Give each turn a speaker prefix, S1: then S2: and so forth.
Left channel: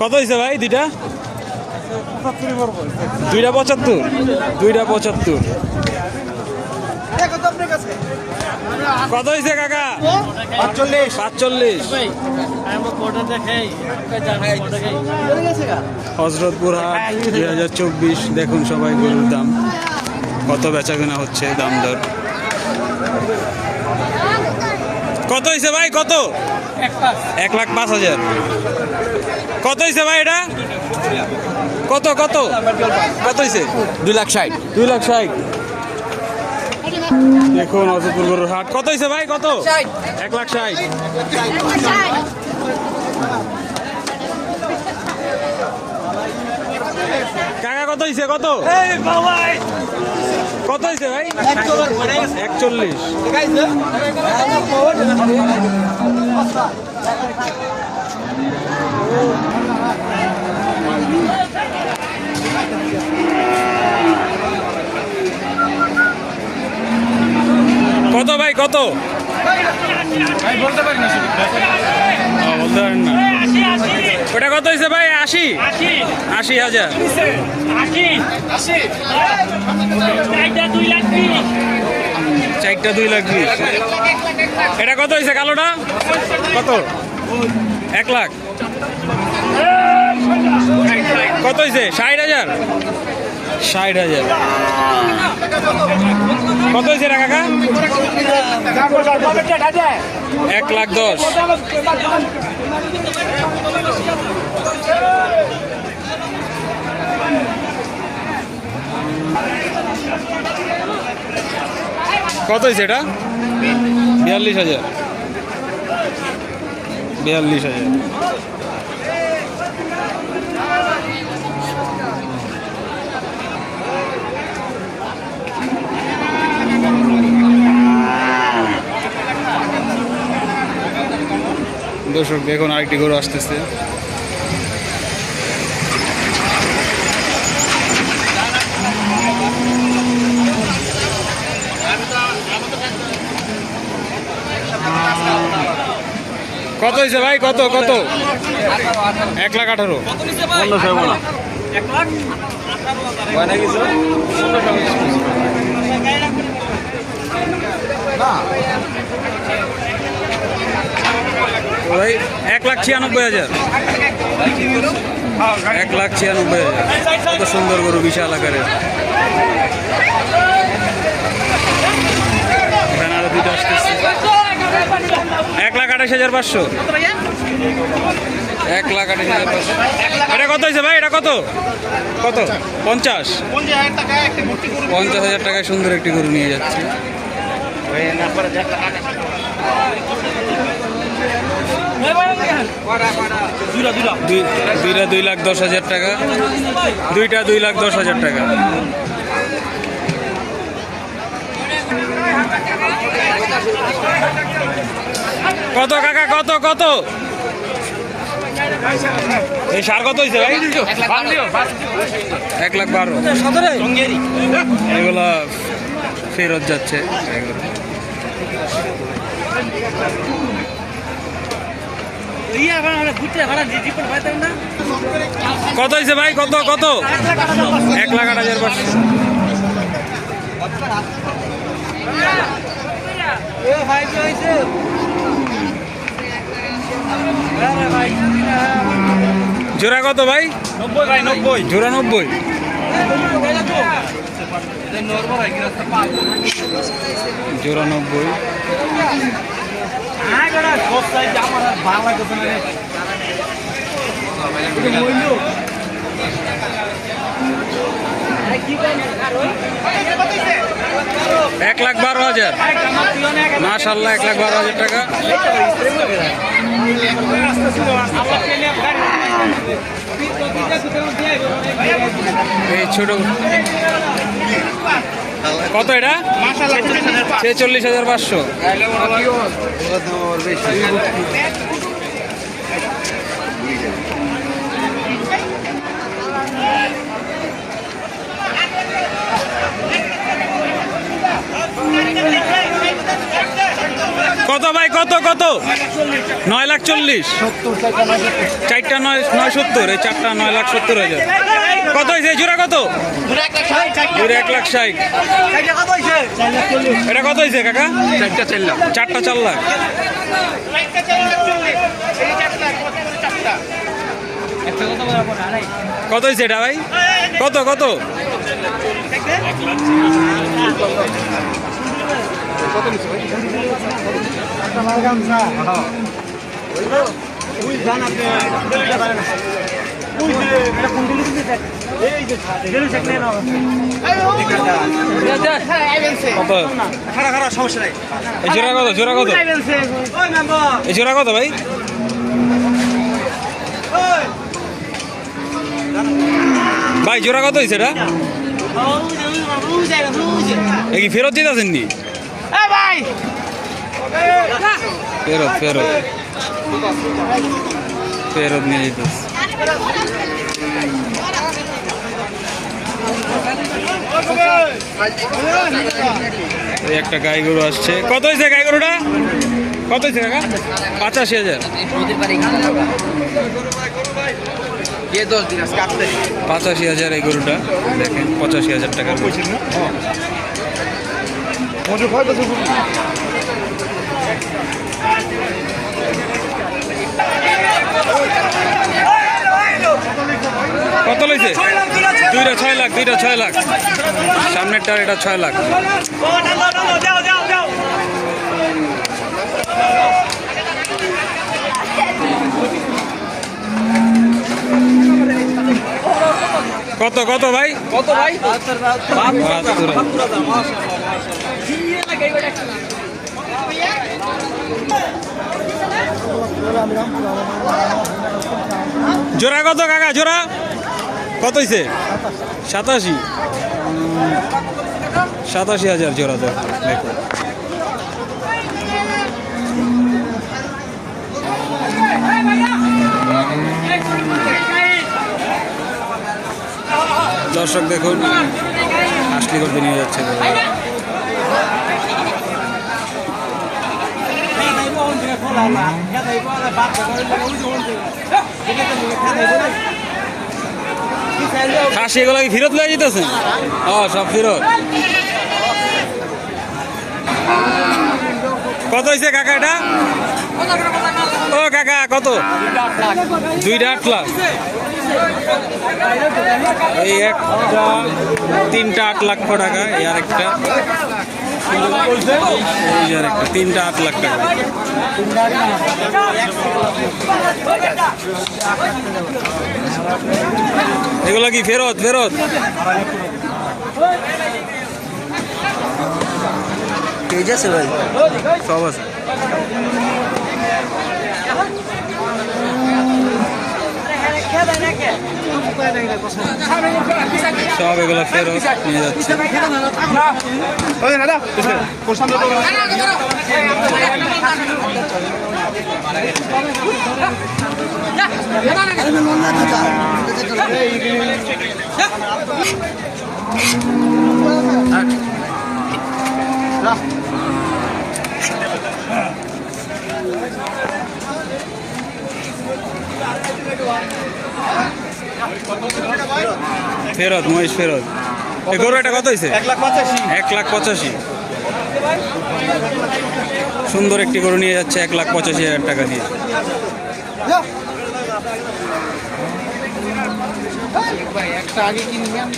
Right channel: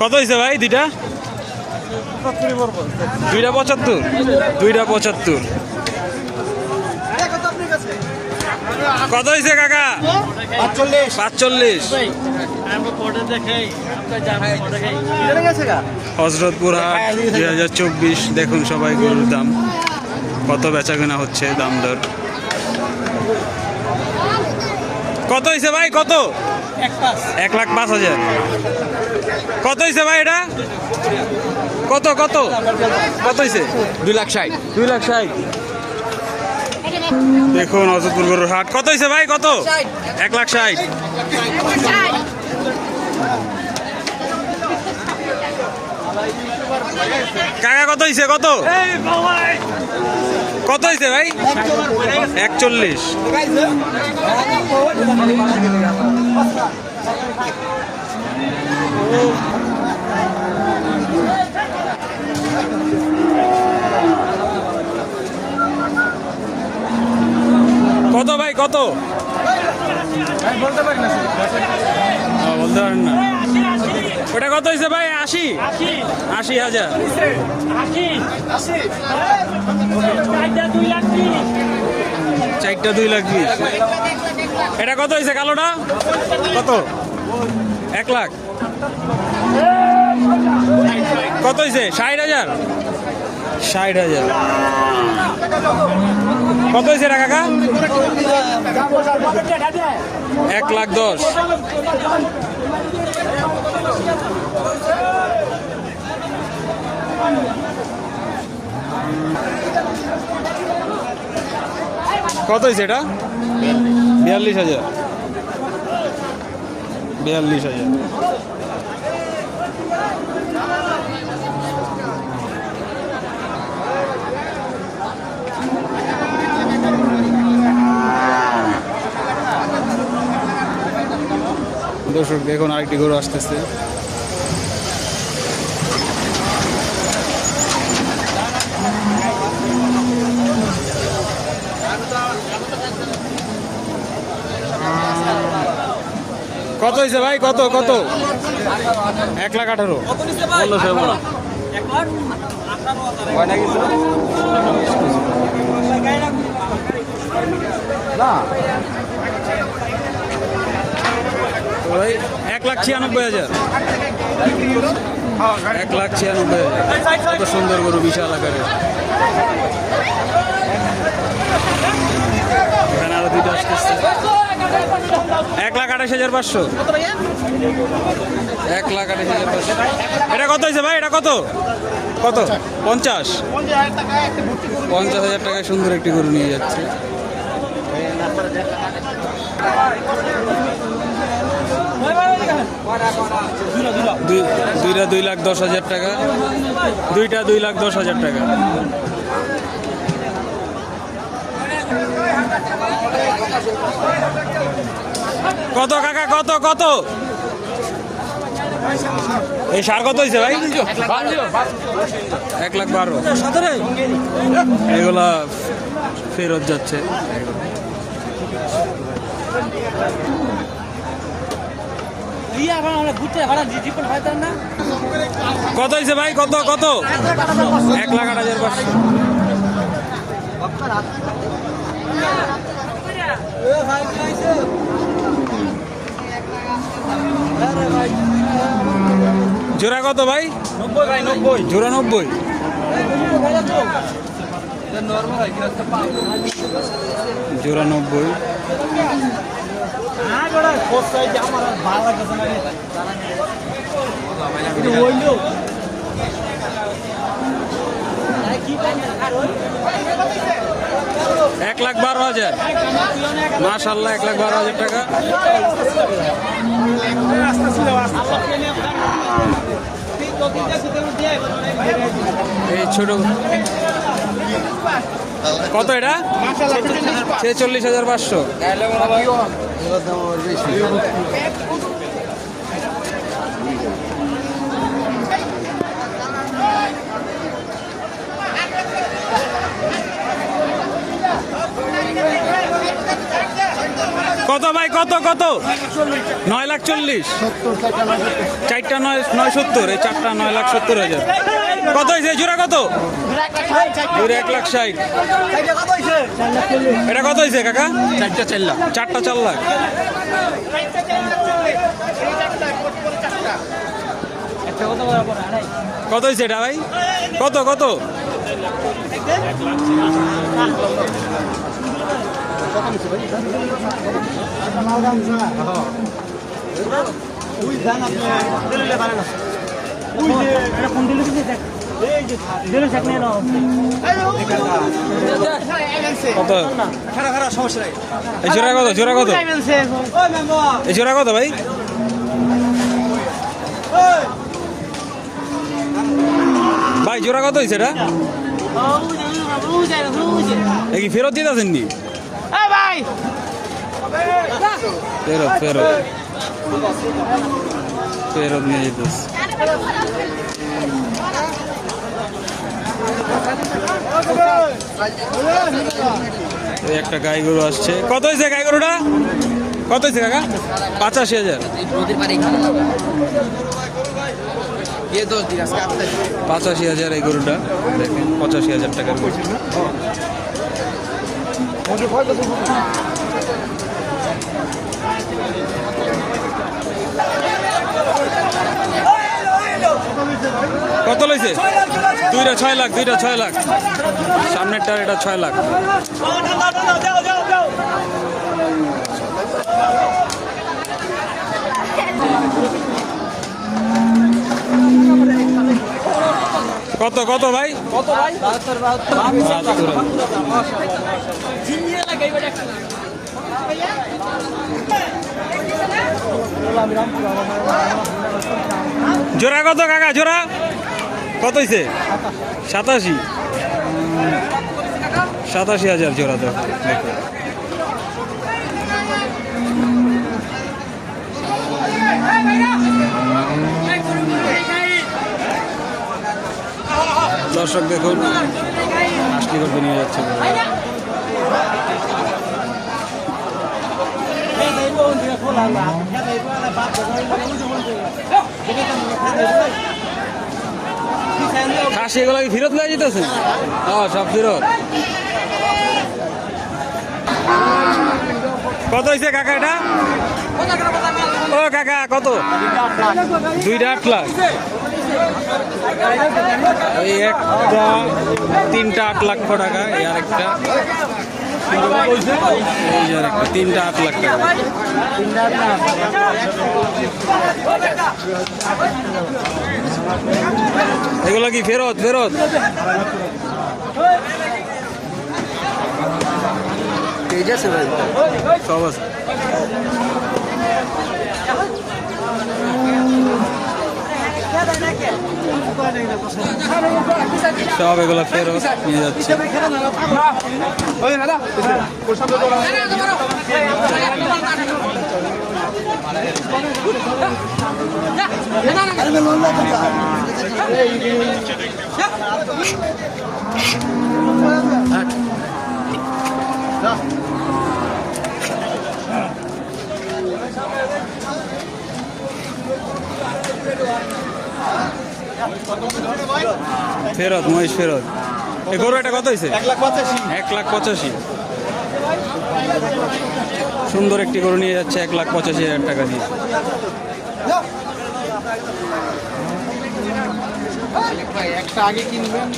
S1: কত হয়েছে ভাই দুইটা? দুইটা পঁচাত্তর। দুইটা পঁচাত্তর। কত হয়েছে কাকা?
S2: পাঁচচল্লিশ।
S1: পাঁচচল্লিশ। হজরতপুর হাট দুই হাজার চব্বিশ। দেখুন সবাই গরুর দাম। কত বেচা কেনা হচ্ছে দাম দর। কত হয়েছে ভাই? কত? এক লাখ পাঁচ হাজার। কত হয়েছে ভাই এটা? কত কত? কত হয়েছে
S2: দুই লাখ ষাট।
S1: দুই লাখ ষাট। দেখুন হজরতপুর গরুর হাট। কত হয়েছে ভাই? কত? এক লাখ ষাট। কাকা কত হয়েছে কত? কত হয়েছে ভাই? একচল্লিশ। কত ভাই কত? বলতে পারেন না ওটা কত হয়েছে ভাই? আশি? আশি। হাজার। চারটা দুই লাখ বিশ। এটা কত হয়েছে কালোটা? কত? এক লাখ। কত হয়েছে ষাট হাজার? ষাট হাজার। কত হয়েছে এটা কাকা? এক লাখ দশ। কত হয়েছে এটা? বিয়াল্লিশ হাজার। বিয়াল্লিশ হাজার। দর্শক দেখুন আরেকটি গরু আসতেছে। কত হয়েছে ভাই? কত কত? এক লাখ আঠারো। তো ভাই, এক লাখ ছিয়ানব্বই হাজার। এক লাখ ছিয়ানব্বই হাজার। কত সুন্দর গরু, বিশাল আকারের। এখানে আরও দুইটা আসতেছে এক লাখ আঠাশ হাজার পাঁচশো। এক লাখ আঠাশ হাজার পাঁচশো। এটা কত হয়েছে ভাই? এটা কত? কত? পঞ্চাশ। পঞ্চাশ হাজার টাকায় সুন্দর একটি গরু নিয়ে যাচ্ছে। দুইটা দুই লাখ দশ হাজার টাকা। দুইটা দুই লাখ দশ হাজার টাকা। কত কাকা, কত কত? এই সার কত হয়েছে ভাই? এক লাখ বারো। এগুলা ফেরত যাচ্ছে। কত হয়েছে ভাই? কত কত? এক লাখ আট হাজার পাঁচশো। জোড়া কত ভাই?
S2: নব্বই ভাই নব্বই।
S1: জোড়া নব্বই। জোড়া নব্বই। এক লাখ বারো হাজার। মাশাল্লাহ এক লাখ বারো হাজার টাকা। এই ছোট কত এটা? ছেচল্লিশ হাজার পাঁচশো। কত কত ভাই? কত কত? নয় লাখ চল্লিশ। চারটা নয় নয় সত্তর, এই চারটা নয় লাখ সত্তর হাজার। কত হয়েছে? জোড়া কত? এক লাখ ষাট। এটা কত হয়েছে কাকা?
S2: চারটা চাইলাম
S1: চারটা চার লাখ। কত হয়েছে এটা ভাই? কত কত? কত জোড়া কত জোড়া কত এই জোড়া কত ভাই ভাই জোড়া কত হয়েছে এটা কি ফেরত দিতেছেন নি ফেরত ফেরত। ফেরত নিয়ে যেতেছে। এই একটা গাই গরু আসছে। কত হয়েছে গাই গরুটা? কত হয়েছে কাকা? পঁচাশি হাজার। পঁচাশি হাজার এই গরুটা। দেখেন, পঁচাশি হাজার টাকার গরু। কত লইছে? দুইটা ছয় লাখ। দুইটা ছয় লাখ সামনেরটার এটা ছয় লাখ। কত কত ভাই? কত বাহাত্তর। জোড়া কত কাকা, জোড়া? কত হয়েছে সাতাশি। সাতাশি হাজার জোড়া তো, দেখো। দর্শক দেখুন হাসলি করতে নিয়ে যাচ্ছে। খাসি, এগুলো কি ফিরত লয়ে যেতেছে? ও, সব ফেরত। কত হয়েছে কাকা এটা? ও, কাকা, কত? দুইটা আট লাখ। এই একটা তিনটা আট লাখ টাকা, এই আরেকটা। এই যে আরেকটা তিনটা আট লাখ টাকা এগুলো কি ফেরত ফেরত সব আছে সব এগুলো ফেরত নিয়ে যাচ্ছে।
S2: দাদা
S1: ফেরত মহেশ ফেরত। এই গরু এটা কত হয়েছে
S2: এক লাখ পঁচাশি।
S1: এক লাখ পঁচাশি। সুন্দর একটি গরু নিয়ে যাচ্ছে এক লাখ পঁচাশি হাজার টাকা দিয়ে।
S2: একটা আগে কিনবেন